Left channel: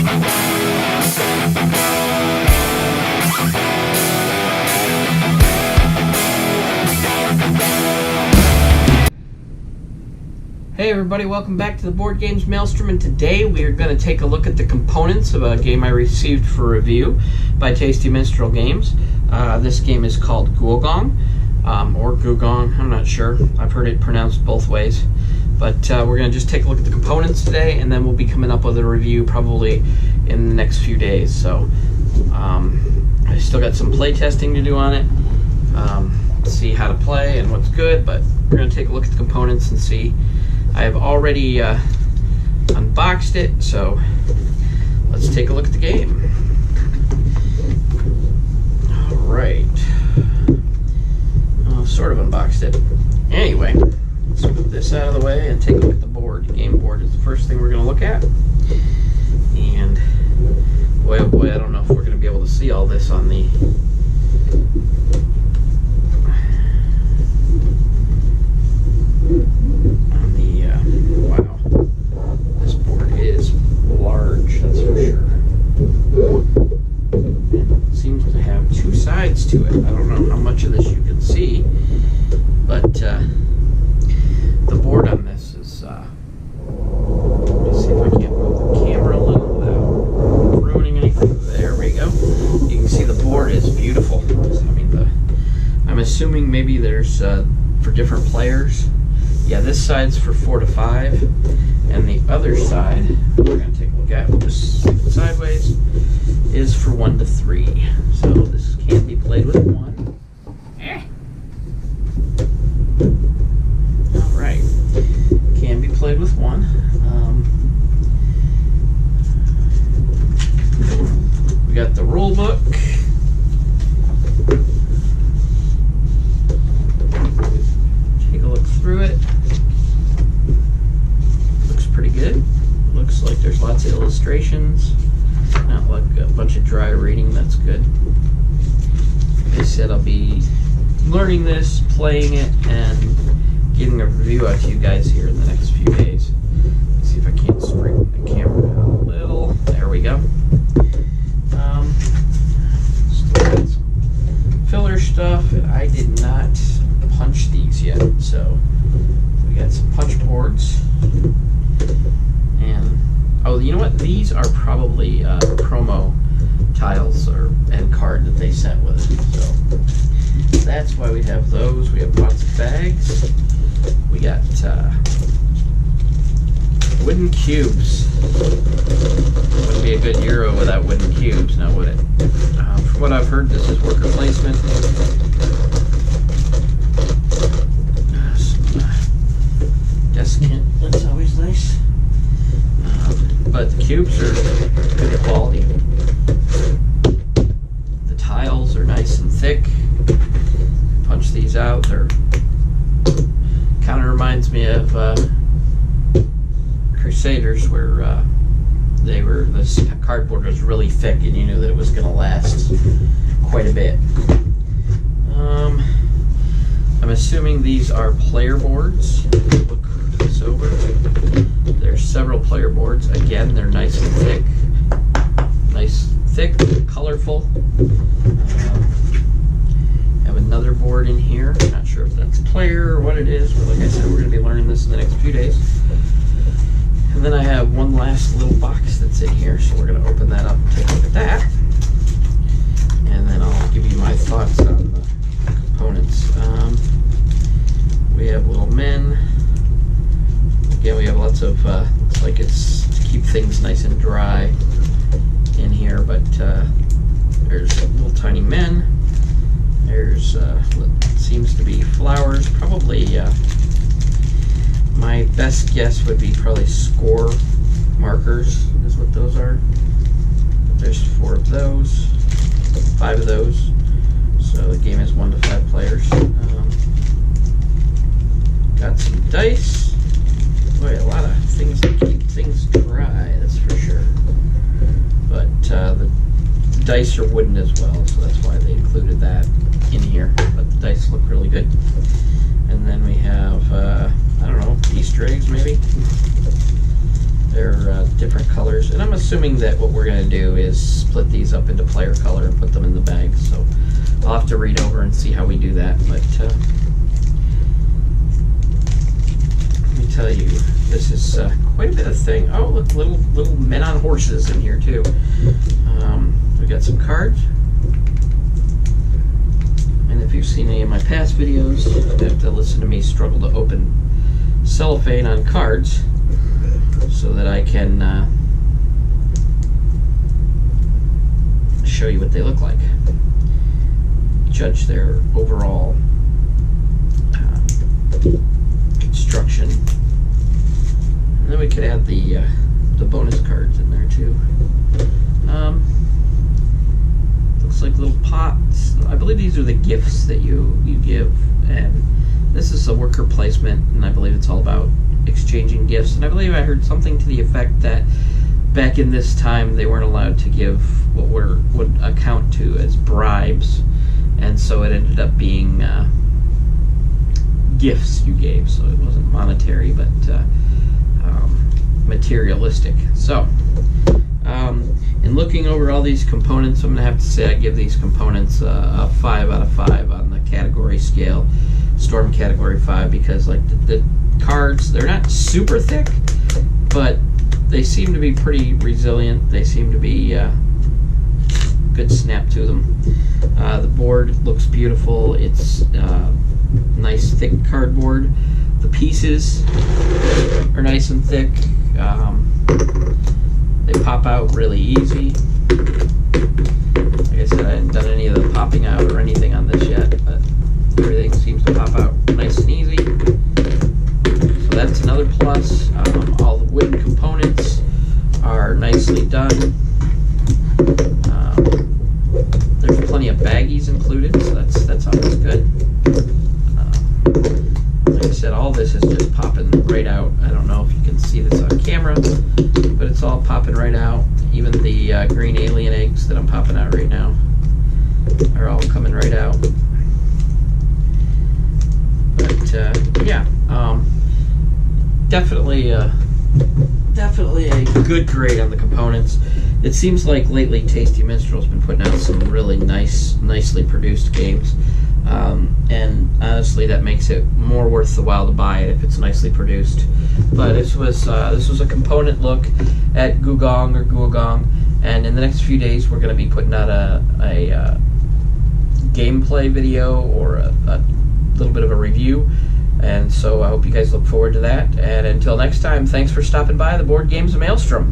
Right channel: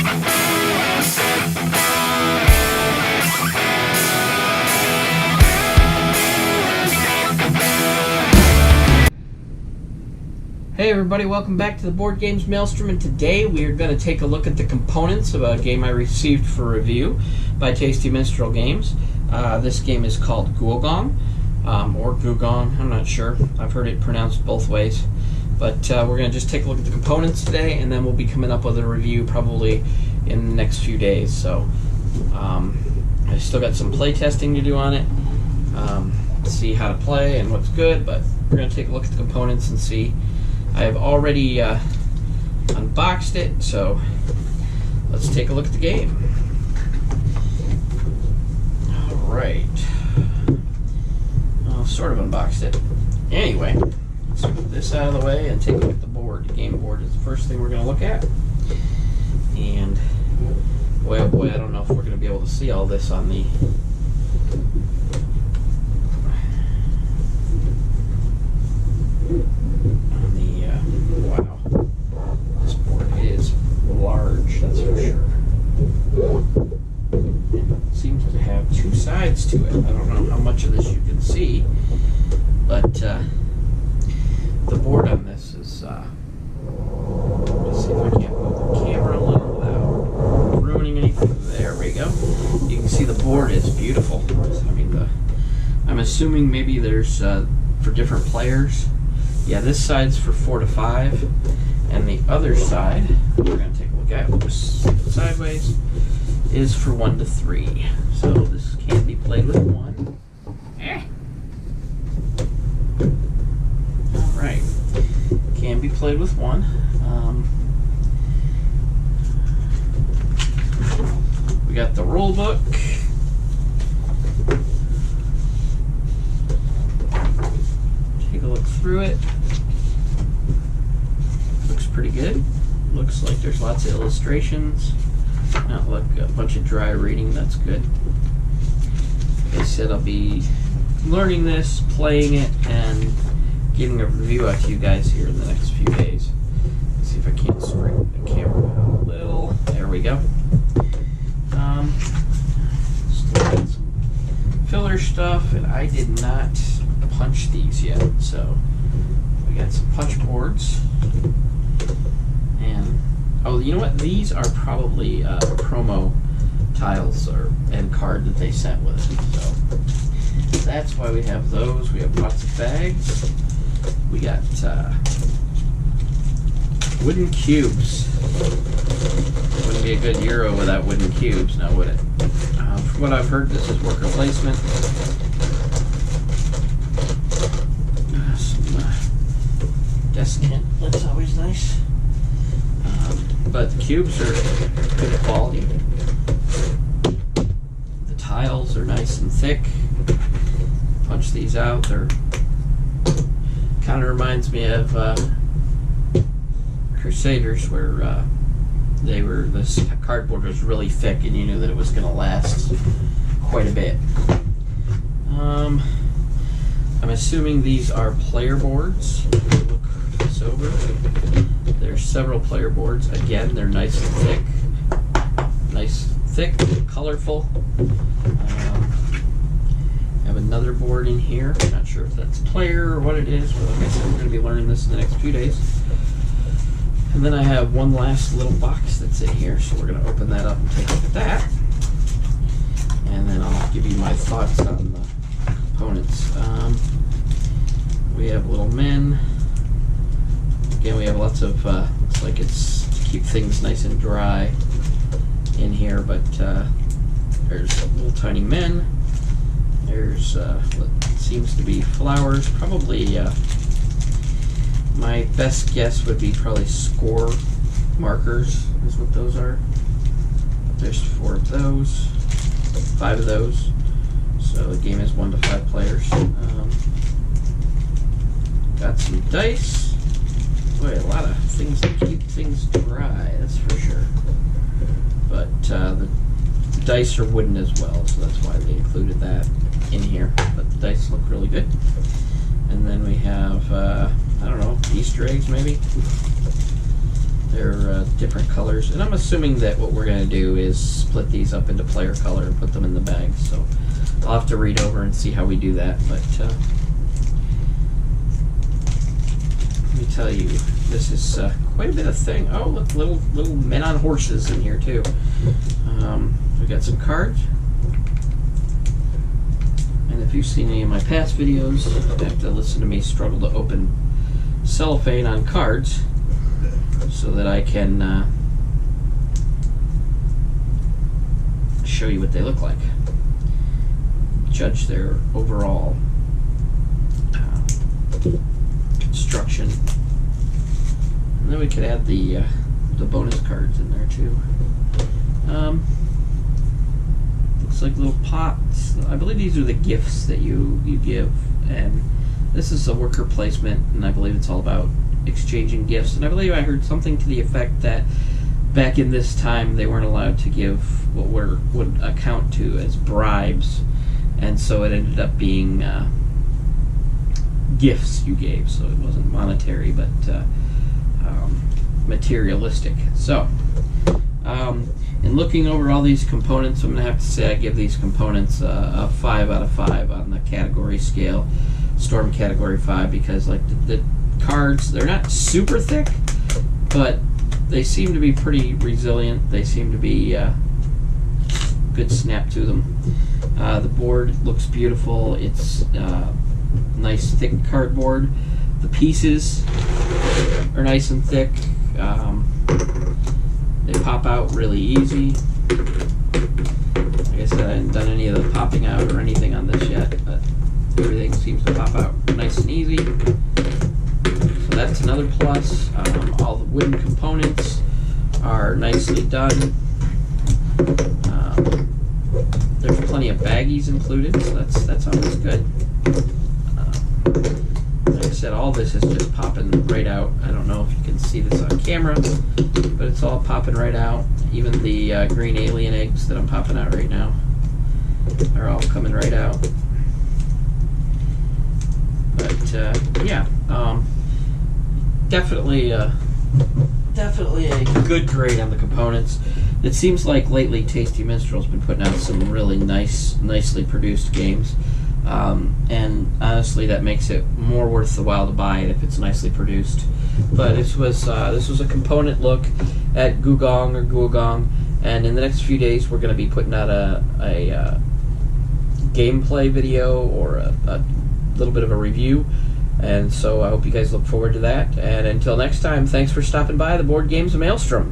Hey everybody, welcome back to the Board Games Maelstrom, and today we are going to take a look at the components of a game I received for review by Tasty Minstrel Games. This game is called Gugong, or Gugong, I'm not sure. I've heard it pronounced both ways. But we're going to just take a look at the components today, and then we'll be coming up with a review probably in the next few days. So I still got some play testing to do on it, see how to play and what's good, but we're going to take a look at the components and see. I have already unboxed it, so let's take a look at the game. Alright. Sort of unboxed it. Anyway, let's put this out of the way and take a look at the board. The game board is the first thing we're going to look at. And boy, oh boy, I don't know if we're going to be able to see all this on the... Wow, this board is large, that's for sure. And it seems to have two sides to it. I don't know how much of this you can see, but the board on this is, let me see if I can't move the camera a little without ruining anything. There we go. You can see the board is beautiful. I mean, I'm assuming maybe there's for different players. Yeah, this side's for 4 to 5, and the other side, that we're going to take a look at, we'll just flip it sideways, is for 1 to 3. So this can be played with 1. Alright, can be played with 1. We got the rule book. Take a look through it. Looks pretty good. Looks like there's lots of illustrations. Not like a bunch of dry reading, that's good. Like I said, I'll be learning this, playing it, and getting a review out to you guys here in the next few days. Let's see if I can't straighten the camera out a little. There we go. Still got some filler stuff, and I did not punch these yet, so we got some punch boards, and oh, you know what, these are probably promo tiles and card that they sent with it, so that's why we have those. We have lots of bags. We got wooden cubes. Wouldn't be a good Euro without wooden cubes, now would it? From what I've heard, this is worker placement. Descant, that's always nice. But the cubes are good quality. The tiles are nice and thick. Punch these out. They're kind of reminds me of Crusaders, where this cardboard was really thick and you knew that it was going to last quite a bit. I'm assuming these are player boards. If you look this over, there's several player boards. Again, they're nice and thick. Nice, thick, colorful. Have another board in here. Not sure if that's player or what it is, but like I said, we're going to be learning this in the next few days. And then I have one last little box that's in here, so we're going to open that up and take a look at that. And then I'll give you my thoughts on the components. We have little men. Again, we have lots of, looks like it's to keep things nice and dry in here, but there's little tiny men. There's what seems to be flowers. Probably, my best guess would be probably score markers is what those are. But there's 4 of those, 5 of those. So the game is 1 to 5 players. Got some dice. Boy, a lot of things to keep things dry, that's for sure. But the dice are wooden as well, so that's why they included that in here. But the dice look really good. And then we have, I don't know, Easter eggs maybe? They're different colors, and I'm assuming that what we're going to do is split these up into player color and put them in the bag. So I'll have to read over and see how we do that. But let me tell you, this is quite a bit of thing. Oh, look, little men on horses in here too. We got some cards, and if you've seen any of my past videos, you have to listen to me struggle to open cellophane on cards so that I can show you what they look like, judge their overall construction, and then we could add the bonus cards in there too. Looks like little pots. I believe these are the gifts that you give, and this is a worker placement, and I believe it's all about exchanging gifts. And I believe I heard something to the effect that back in this time they weren't allowed to give what would account to as bribes, and so it ended up being gifts you gave, so it wasn't monetary but materialistic. So in looking over all these components, I'm going to have to say I give these components a 5 out of 5 on the category scale, Storm Category 5, because like the cards, they're not super thick, but they seem to be pretty resilient. They seem to be good snap to them. The board looks beautiful. It's nice thick cardboard. The pieces are nice and thick. They pop out really easy. Like I said, I haven't done any of the popping out or anything on this yet, but everything seems to pop out nice and easy. So that's another plus. All the wooden components are nicely done. There's plenty of baggies included, so that's always good. Like I said, all this is just popping right out. I don't know if you can see this on camera, but it's all popping right out. Even the green alien eggs that I'm popping out right now are all coming right out. But yeah, definitely a good grade on the components. It seems like lately Tasty Minstrel's been putting out some really nicely produced games, and honestly that makes it more worth the while to buy it if it's nicely produced. But this was a component look at Gugong, and in the next few days we're going to be putting out a gameplay video or a little bit of a review, and so I hope you guys look forward to that. And until next time, thanks for stopping by the Board Games of Maelstrom.